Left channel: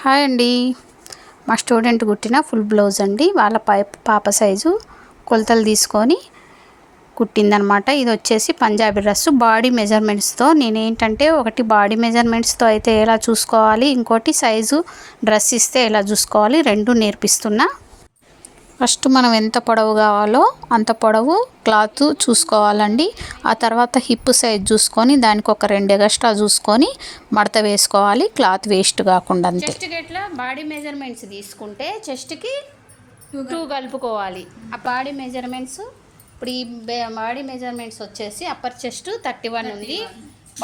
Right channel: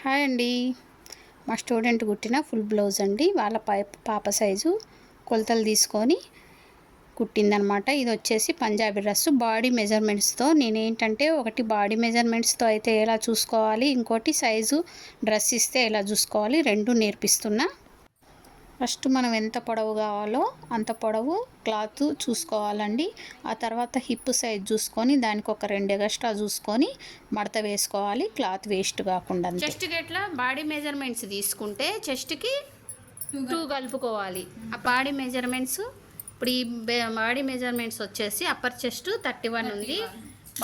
Hi అండి. మా student కుట్టిన ఫుల్ బ్లౌజ్ అండి. వాళ్ళ పాప సైజు కొలతలు తీసుకొని కుట్టిందనమాట. ఇది వచ్చేసి పంజాబీ డ్రెస్. బాడీ మెజర్మెంట్స్తో నేను ఏంటంటే ఒకటి బాడీ మెజర్మెంట్స్తో అయితే ఎలా చూసుకోవాలి ఇంకోటి సైజు డ్రెస్ ఇస్తే ఎలా చూసుకోవాలి రెండు నేర్పిస్తున్నా. ఫస్ట్ మనం ఎంత పొడవు కావాలో అంత పొడవు క్లాత్ చూసుకోవాలండి. ఆ తర్వాత హిప్ సైజ్ చూసుకొని దానికి ఒక రెండు ఎగస్ట్రా చూసుకొని మడత వేసుకోవాలి. క్లాత్ వేస్ట్ కాకుండా అంతే. గట్ల బాడీ మెజర్మెంట్స్ తీసుకుంటే చెస్ట్కి టూ కలుపుకోవాలి. ఆ బాడీ మెజర్మెంట్స్ ఇప్పుడు ఈ బాడీ మెజర్మెంట్స్ వచ్చేసి అప్పర్ చెస్ట్ థర్టీ వన్ ఉంది.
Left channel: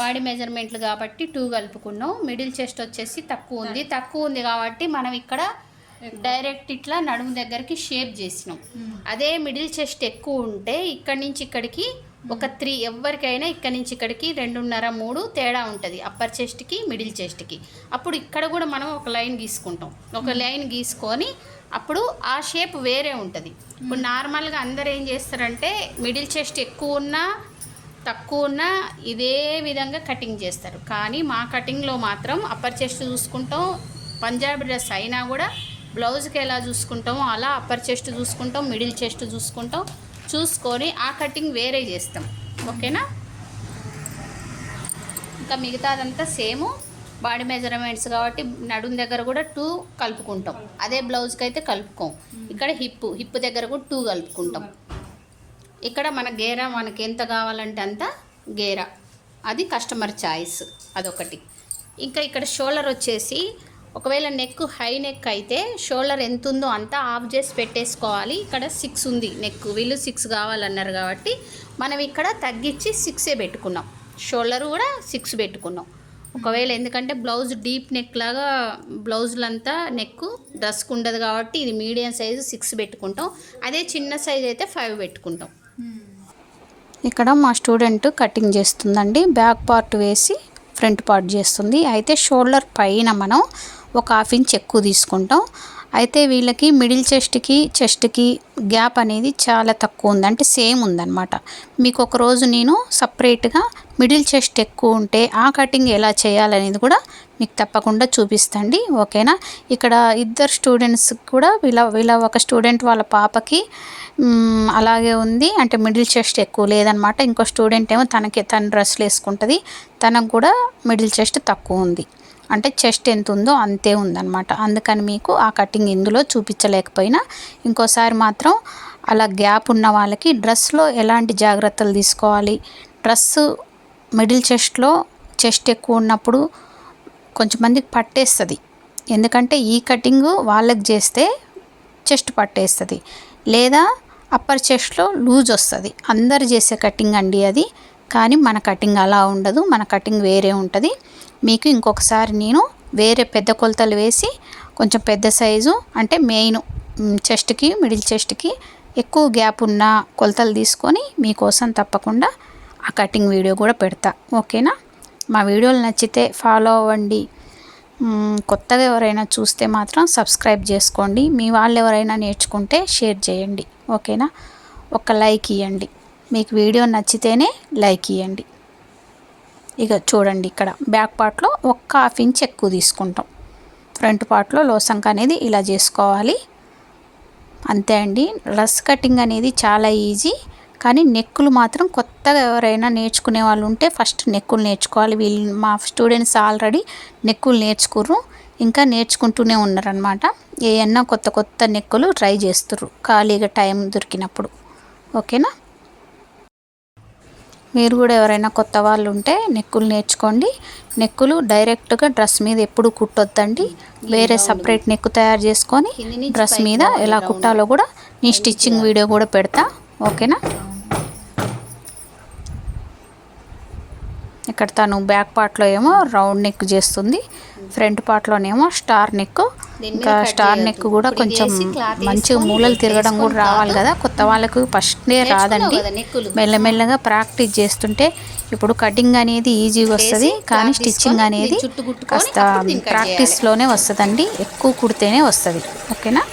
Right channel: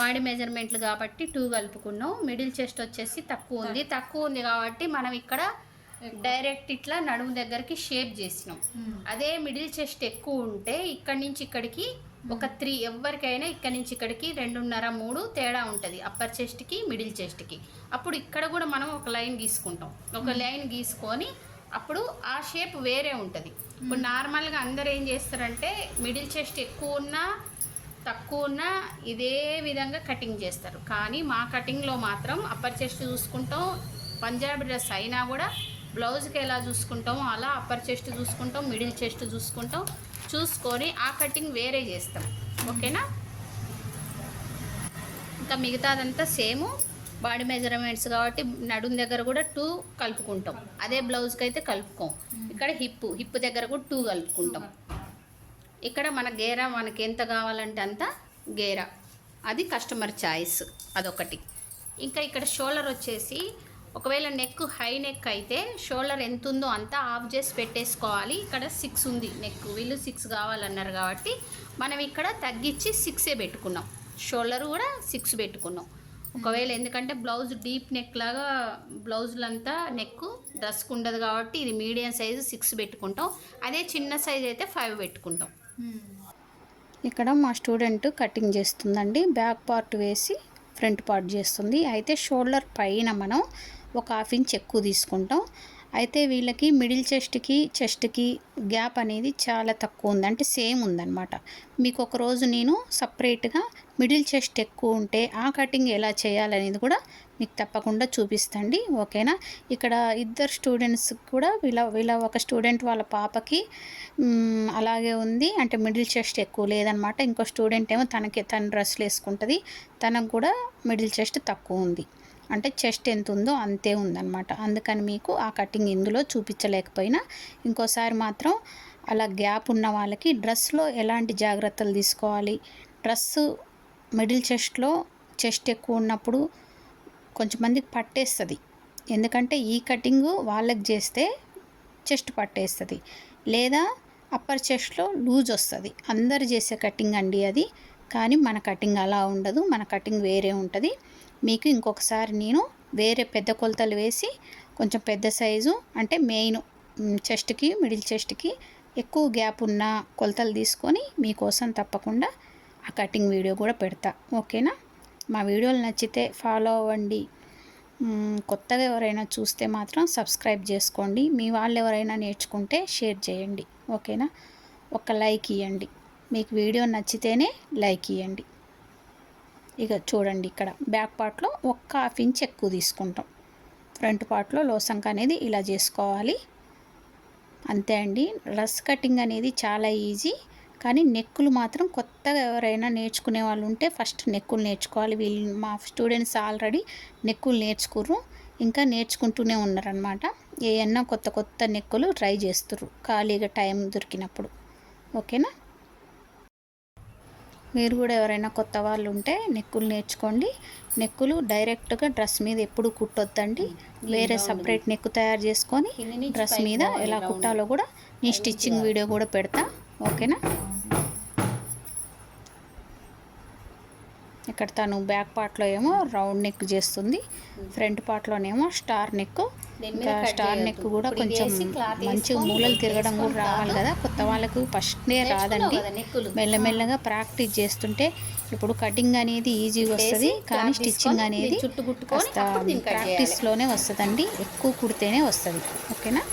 బాడీ మెజర్మెంట్లు కాబట్టి టూ కలుపుకున్నాం. మిడిల్ చెస్ట్ వచ్చేసి తక్కువ ఉంది. తక్కువ ఉంది కాబట్టి మనం ఇక్కడ డైరెక్ట్ ఇట్లా నడుము దగ్గరికి షేప్ చేసినాం. అదే మిడిల్ చెస్ట్ ఎక్కువ ఉంటే ఇక్కడి నుంచి ఇక్కడికి ఒక త్రీ ఎవరికైనా ఇక్కడి నుంచి ఇక్కడికి రెండున్నర మూడు తేడా ఉంటుంది. అప్పర్ చెస్ట్కి మిడిల్ చెస్ట్కి అప్పుడు ఇక్కడ కూడా మనం ఒక లైన్ గీసుకుంటాం. ఒక లైన్ గీసుకొని అప్పుడు ఆ షేప్ వేరే ఉంటుంది. ఇప్పుడు నార్మల్గా అందరు ఏం చేస్తారంటే మిడిల్ చెస్ట్ ఎక్కువ ఉన్నా తక్కువ ఉన్నా ఇదే విధంగా కటింగ్ చేస్తారు. కానీ మా కటింగ్లో మాత్రం అప్పర్ చెస్ట్ చూసుకుంటాం. పంజాబీ డ్రెస్ అయినా కూడా బ్లౌజ్కి ఎలా చూసుకుంటామో అలా అప్పర్ చెస్ట్ చూసుకుంటాం మిడిల్ చెస్ట్ చూసుకుంటాం. చూసుకొని ఆ కటింగ్ వేరే చేస్తాం. ఓకేనా? ఇంకా మిగతాదంతా సేమ్. బాడీ మెజర్మెంట్స్ కాబట్టి నడుము దగ్గర కూడా టూ కలుపుకుంటాం. అదే బ్లౌజ్కి అయితే కలుపుకోం ఇక్కడ హిప్ హిప్ దగ్గర కూడా టూ కలుపుకుంటాం. ఇక్కడ మన గేరా మనకి ఎంత కావాలంటే అంత గేరా. అది కస్టమర్ చాయిస్ అదొకటి. ఇంకా ఇక్కడ షోల్డర్ వచ్చేసి ఒకవేళ నెక్ హై నెక్ అయితే షోల్డర్ ఎంత ఉందో అంతా ఆఫ్ చేసి పెట్టేసుకోవాలి. ఇక్కడ సిక్స్ ఉంది నెక్. వీళ్ళు సిక్స్ కావాలన్నారు కాబట్టి మనం ఇక్కడ తగ్గించి సిక్సే పెట్టుకున్నాం. షోల్డర్ కూడా సిక్స్ పెట్టుకున్నాం. ఒకవేళ ఎందుకంటే బ్లౌజ్ డీప్ నెక్ లాగా బ్లౌజులంతా నెక్ డ్రెస్కు ఉండదు కాబట్టి ఇది మీడియం సైజు సిక్స్ పెట్టుకుంటాం. అదే చిన్న సైజ్ అయితే ఫైవ్ పెట్టుకుంటాం. ఇక్కడ మా స్టూడెంట్ కటింగ్ చేస్తుందండి. బ్యాక్ పార్ట్ వేసి ఫ్రంట్ పార్ట్ చేస్తుంది. అయితే షోల్డర్ పైన మనం ఒక హాఫ్ ఇంచ్ ఎక్కువ తీసుకుంటాం. అయితే వీళ్ళకి మిడిల్ చెస్ట్కి చెస్ట్కి గ్యాప్ అనేది చాలా తక్కువ ఉంది. అంటే సేమ్ ఉందన్నమాట. మీకు ఒక రోజు నేను సపరేట్గా మిడిల్ చెస్ట్ ఎక్కువ ఉంటే ఆ కటింగ్ ఎలా చేయాలనేది కూడా మీకు తప్పకుండా చూపిస్తండి. ఓకేనా? ఇక్కడ ఇద్దరు స్టూడెంట్స్ కూడా వీళ్ళ వీళ్ళ ఒక స్టూడెంట్ వాళ్ళ పాపకి అలాగే ఉంది. అంటే మిడిల్ చెస్ట్ ఎక్కువ లేదనమాట ఇంకో స్టూడెంట్ ఏమో తనకి తన డ్రెస్లు వేసుకుంటుంది. తనకు కూడా మిడిల్ చెస్ట్ తక్కువ ఉంది. అంటే చెస్ట్ ఎంత ఉందో అంతే ఉందన్నమాట. అందుకని మీకు ఆ కటింగ్ ఇందులో చూపించలేకపోయినా ఇంకోసారి మాత్రం అలా గ్యాప్ ఉన్న వాళ్ళకి డ్రెస్లో ఎలాంటి జాగ్రత్తలు తీసుకోవాలి? డ్రెస్ మిడిల్ చెస్ట్లో చెస్ట్ ఎక్కువ ఉన్నప్పుడు కొంచెం మందికి పట్టేస్తుంది. ఎందుకంటే ఈ కటింగ్ వాళ్ళకి చేస్తే చెస్ట్ పట్టేస్తుంది. లేదా అప్పర్ చెస్ట్లో లూజ్ వస్తుంది. అందరు చేసే కటింగ్ అండి అది. కానీ మన కటింగ్ అలా ఉండదు. మన కటింగ్ వేరే ఉంటుంది. మీకు ఇంకొకసారి నేను వేరే పెద్ద కొలతలు వేసి కొంచెం పెద్ద సైజు అంటే మెయిన్ చెస్ట్కి మిడిల్ చెస్ట్కి ఎక్కువ గ్యాప్ ఉన్న కొలతలు తీసుకొని మీకోసం తప్పకుండా ఆ కటింగ్ వీడియో కూడా పెడతా. ఓకేనా? మా వీడియోలు నచ్చితే ఫాలో అవ్వండి. కొత్తగా ఎవరైనా చూస్తే మాత్రం సబ్స్క్రైబ్ చేసుకోండి. మీ వాళ్ళు ఎవరైనా నేర్చుకుంటే షేర్ చేయండి. ఓకేనా? ఒక లైక్ ఇవ్వండి మీకు వీడియో నచ్చితేనే లైక్ ఇవ్వండి ఇక చూడండి ఇక్కడ. బ్యాక్ పార్ట్లో ఒక్క హాఫ్ ఇంచ్ ఎక్కువ తీసుకుంటాం. ఫ్రంట్ పార్ట్లో లోసంక అనేది ఇలా చేసుకోవాలి. అంతే అండి. రస్ కటింగ్ అనేది చాలా ఈజీ. కానీ నెక్కులు మాత్రం కొత్తగా ఎవరైనా నేర్చుకునే వాళ్ళు ఉంటే ఫస్ట్ నెక్కులు నేర్చుకోవాలి. వీళ్ళు మా స్టూడెంట్స్ ఆల్రెడీ నెక్కులు నేర్చుకుర్రు. ఇంకా నేర్చుకుంటూనే ఉన్నారనమాట ఏమన్నా కొత్త కొత్త నెక్కులు ట్రై చేస్తుర్రు ఖాళీగా టైం దొరికినప్పుడు. ఓకేనా? మీరు కూడా ఎవరైనా కొత్త వాళ్ళు ఉంటే నెక్కులు నేర్చుకోండి. నెక్కులు డైరెక్ట్గా డ్రెస్ మీద ఎప్పుడు కుట్టొద్దండి. వేరే సపరేట్ నెక్ తయారు చేసుకొని డ్రెస్ మీద ఎలా కుట్టాలో కూడా నీ స్టిచ్చింగ్ వీడియో కూడా పెడతా. ఓకేనా? ఇక్కడ తను బ్యాక్ పార్ట్లో ఏమో రౌండ్ నెక్ చేస్తుంది ఫ్రంట్ పార్ట్లోనేమో స్టార్ నెక్. ఇంకా స్టార్ నెక్ కూడా కొంచెం మంచిగా మూలలు తిరగడం కూడా రావాలి కదా కొత్త వాళ్ళకు ఫస్ట్నే రాదండి. మెల్లమెల్లగా ప్రాక్టీస్ చేస్తుంటే ఇప్పుడు కటింగ్ అనేది ఈజీగా వస్తుంది కానీ స్టిచ్చింగ్ అనేది కాస్త ప్రాక్టీస్లోనే వస్తుందండి ఎక్కువ కుడితేనే వస్తుంది. ఓకేనా?